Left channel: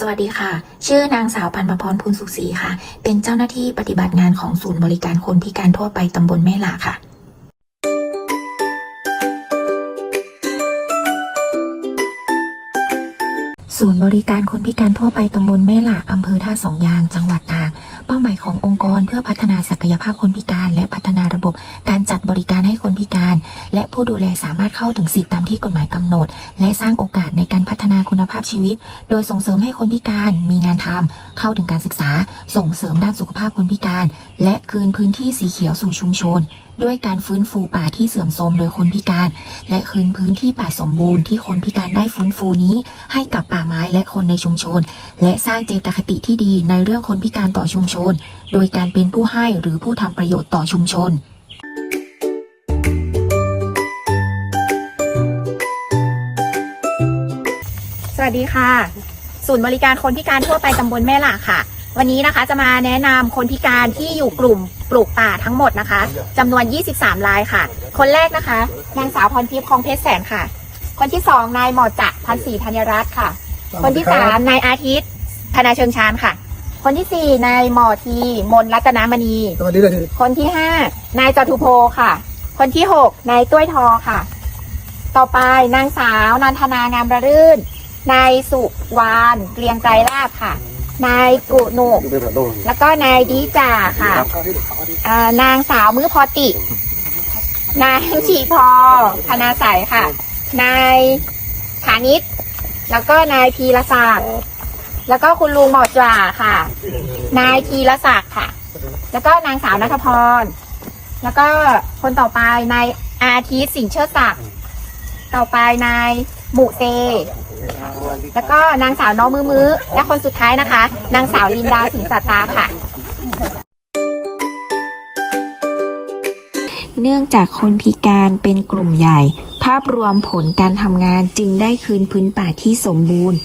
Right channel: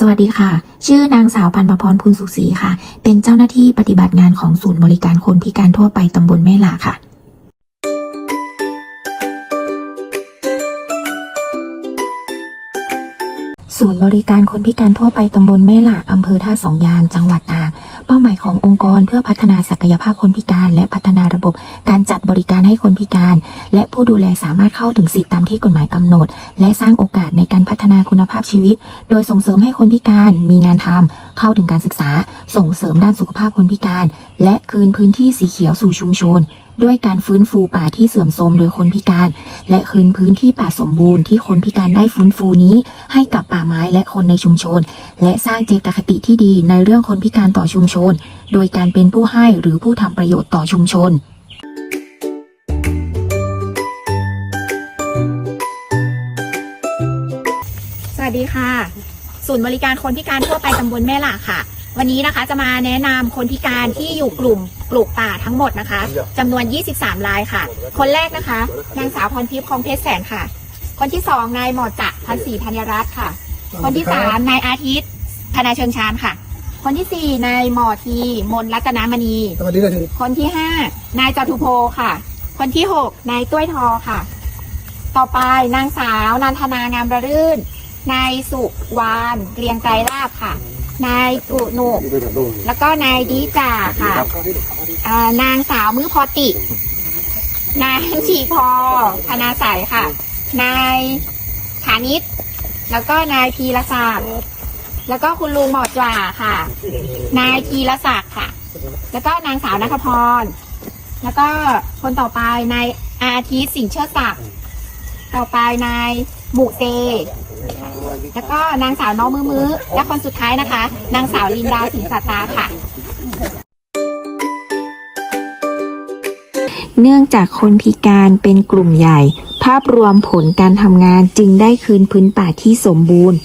สวัสดีค่ะ ชื่อนางสาวพันประพรพูนสุขศรีค่ะ เป็นเจ้าหน้าที่ปฏิบัติงานของศูนย์บริการคนพิการทั่วไปตำบลแม่หลาค่ะ ศูนย์บริการคนพิการทั่วไปตำบลแม่หลาอำเภอท่าสองยางจังหวัดตาก เป้าหมายขององค์กรเพื่อพัฒนาศักยภาพคนพิการ และพัฒนาระบบการจัดบริการให้คนพิการ และผู้ดูแลสามารถเข้าถึงสิทธิตามที่กฎหมายกำหนด และสร้างโอกาสในการพัฒนาคุณภาพชีวิต โดยส่งเสริมให้คนพิการมีงานทำเข้าถึงการศึกษา ส่งเสริมด้านสุขภาพคนพิการ และคืนพื้นที่สีเขียวสู่ชุมชน ด้วยการฟื้นฟูป่าที่เสื่อมโทรมโดยคนพิการ และคืนพื้นที่ป่าสมบูรณ์ที่คนพิการได้ฟื้นฟูนี้ ให้กับป่าไม้และคนในชุมชน และสร้างเจตคติที่ดีในเรื่องคนพิการต่อชุมชน โดยการเป็นผู้ให้หรือผู้ทำประโยชน์ต่อชุมชนสวัสดีค่ะ ศูนย์บริการคนพิการทั่วไปตำบลแม่หล่าค่ะ วันนี้นะคะจะมาแนะนำคนพิการที่อยู่กลุ่มปลูกป่าทั้งหมดนะคะจำนวน 23 รายค่ะ คนแรกนะคะนางสาวพรทิพย์คลองเพชรแสนค่ะ คนที่สองนายหมอจักรพันศรีธัญรัตน์ค่ะ คนที่สามนายอาทิตย์ธนาเชิงชานค่ะ คนที่สี่นายหมอทีมนรัตนามณี สวัสดีเลยทีคนที่ห้านายจตุโพค่ะ คนที่หกนายตุ้ยทอค่ะ ต่อไปนางสาวนันทนางามระรื่นนายสุวานเกรียงไกรลาบค่ะ นายกุหนุกแล้วก็นายดีจ่าค่ะนางสาวมือพอติ นายชีพอธนาใสยค่ะ นายฐานิตแล้วก็นายพีรศักดิ์แล้วก็คุณลุงหมอจ่าค่ะ นายพีรศักดิ์ค่ะ แล้วก็นางสาวนัทพร แล้วก็คนต่อไปนายอาทิตย์สิงเชิดศักดิ์ ต่อไปนายหมูเต แล้วก็นางสาวน้องมือมือและคนสุดท้ายนะคะ นางสาวลินดาสิงสัตตาค่ะ เนื่องจากคนพิการเป็นกลุ่มใหญ่ ภาพรวมผลการทำงานจึงได้คืนพื้นป่าที่สมบูรณ์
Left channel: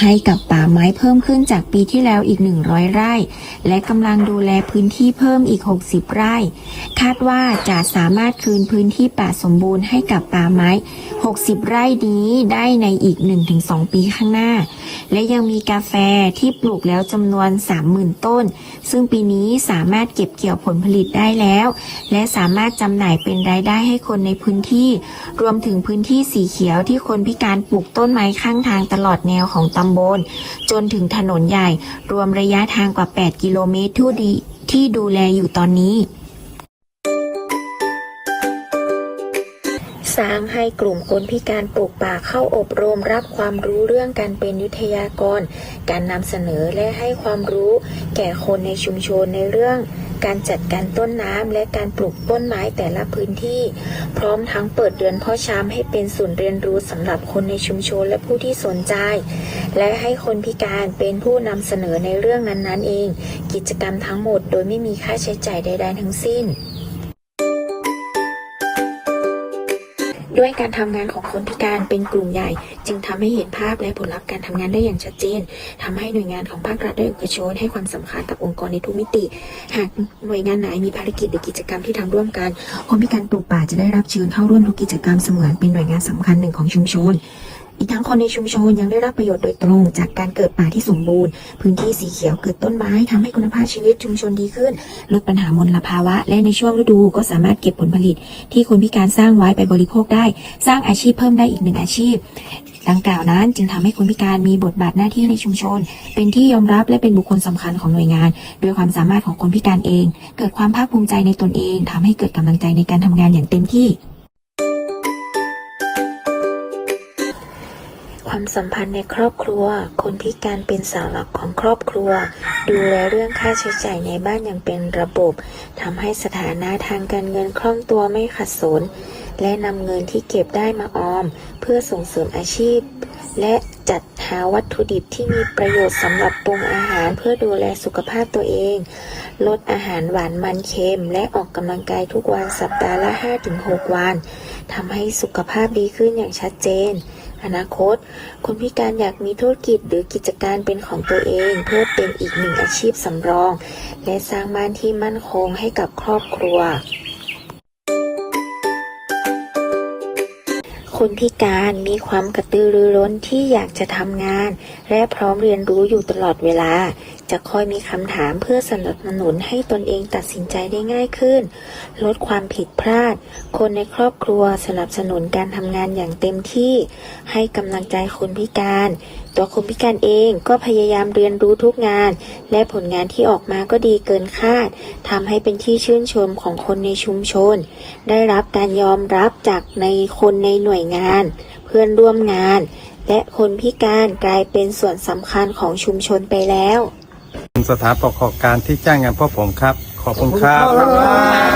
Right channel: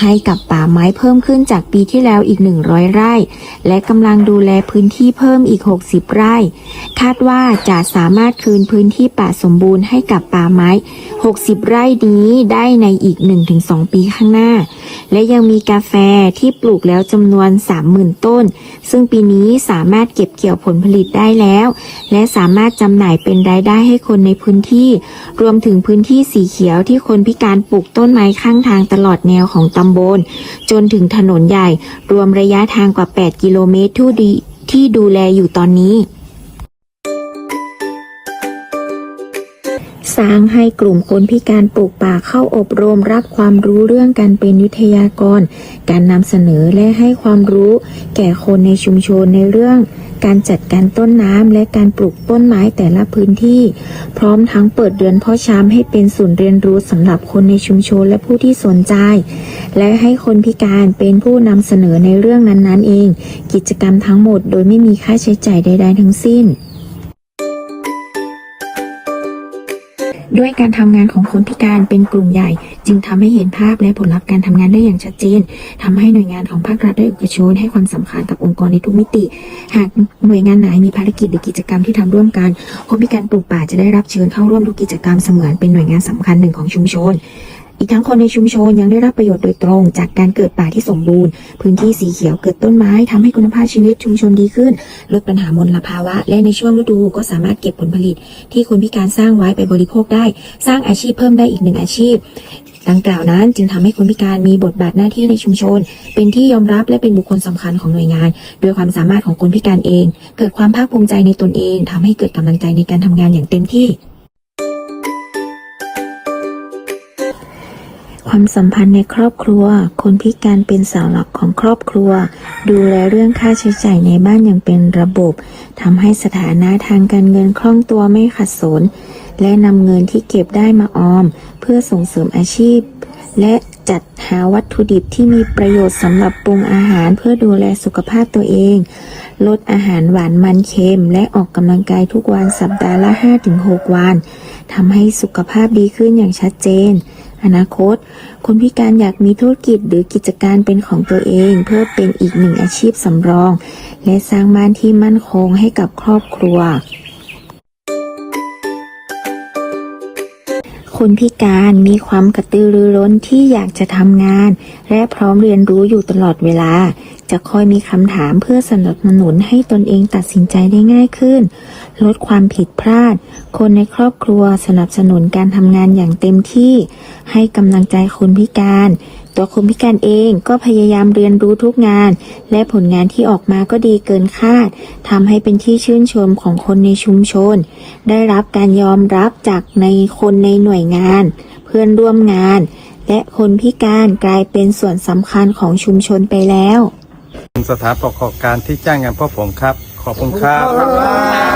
ให้กับป่าไม้เพิ่มขึ้นจากปีที่แล้วอีก 100 ไร่ และกำลังดูแลพื้นที่เพิ่มอีก 60 ไร่ คาดว่าจะสามารถคืนพื้นที่ป่าสมบูรณ์ให้กับป่าไม้ 60 ไร่นี้ได้ในอีก 1-2 ปีข้างหน้า และยังมีกาแฟที่ปลูกแล้วจำนวน 30,000 ต้น ซึ่งปีนี้สามารถเก็บเกี่ยวผลผลิตได้แล้ว และสามารถจำหน่ายเป็นรายได้ให้คนในพื้นที่รวมถึงพื้นที่สีเขียวที่คนพิการปลูกต้นไม้ข้างทางตลอดแนวของตำบล จนถึงถนนใหญ่ รวมระยะทางกว่า 8 กิโลเมตรทุดีที่ดูแลอยู่ตอนนี้ สร้างให้กลุ่มคนพิการปลูกป่าเข้าอบรมรับความรู้เรื่องการเป็นวิทยากร การนำเสนอและให้ความรู้แก่คนในชุมชนในเรื่องการจัดการต้นน้ำและการปลูกต้นไม้แต่ละพื้นที่ พร้อมทั้งเปิดเดินพ่อช้ำให้เป็นศูนย์เรียนรู้สำหรับคนในชุมชนและผู้ที่สนใจ และให้คนพิการเป็นผู้นำเสนอในเรื่องนั้นๆเอง กิจกรรมทั้งหมดโดยไม่มีค่าใช้จ่ายใดๆทั้งสิ้น ด้วยการทำงานของคนพิการเป็นกลุ่มใหญ่ จึงทำให้เห็นภาพและผลลัพธ์การทำงานได้อย่างชัดเจนทำให้หน่วยงานของภาครัฐและเอกชนให้ความสำคัญกับองค์กรในทุกมิติ หากหน่วยงานไหนมีภารกิจหรือกิจกรรมที่ทำร่วมกันคนพิการปลูกป่าจะได้รับเชิญเข้าร่วมทุกกิจกรรมเสมือนเป็นหน่วยงานสำคัญหนึ่งของชุมชน อีกทั้งคนในชุมชนยังได้รับประโยชน์โดยตรง จากการเกิดป่าที่สมบูรณ์ พื้นที่สีเขียวเกิดต้นไม้ทำให้คุณภาพชีวิตชุมชนดีขึ้น ลดปัญหามลภาวะ และในช่วงฤดูก็สามารถเก็บผลผลิต ที่คนพิการสร้างไว้ไปบริโภคได้ สร้างอาชีพเพิ่มได้อีกหนึ่งอาชีพดังกล่าวนั้นจึงทำให้คนพิการมีบทบาทหน้าที่ในชุมชน เป็นที่ยอมรับและเป็นบุคคลสำคัญของหน่วยงานโดยความสามารถของคนพิการเอง เกิดความภาคภูมิใจในตนเองทำให้เกิดกำลังใจในการทำงานอย่างเต็มที่ ความสัมพันธ์ในครอบครัว คนพิการเป็นเสาหลักของครอบครัว ดูแลเรื่องค่าใช้จ่ายในบ้านอย่างเป็นระบบทำให้สถานะทางการเงินคล่องตัวไม่ขัดสน และนำเงินที่เก็บได้มาออม เพื่อส่งเสริมอาชีพ และจัดหาวัตถุดิบที่มีประโยชน์สำหรับปรุงอาหารเพื่อดูแลสุขภาพตัวเอง ลดอาหารหวานมันเค็ม และออกกำลังกายทุกวันสัปดาห์ละ 5-6 วันทำให้สุขภาพดีขึ้นอย่างชัดเจน อนาคต คนพิการอยากมีธุรกิจหรือกิจการเป็นของตัวเอง เพื่อเป็นอีกหนึ่งอาชีพสำรอง และสร้างบ้านที่มั่นคงให้กับครอบครัว คนพิการมีความกระตือรือร้นที่อยากจะทำงาน และพร้อมเรียนรู้อยู่ตลอดเวลา จะคอยมีคำถามเพื่อสนับสนุนให้ตนเองตัดสินใจได้ง่ายขึ้น ลดความผิดพลาด คนในครอบครัวสนับสนุนการทำงานอย่างเต็มที่ ให้กำลังใจคนพิการตัวคนพิการเองก็พยายามเรียนรู้ทุกงาน และผลงานที่ออกมาก็ดีเกินคาดทำให้เป็นที่ชื่นชมของคนในชุมชน ได้รับการยอมรับจากในคนในหน่วยงาน เพื่อนร่วมงาน และคนพิการกลายเป็นส่วนสำคัญของชุมชนไปแล้ว สถานประกอบการที่จ้างงานพวกผมครับ ขอบคุณครับ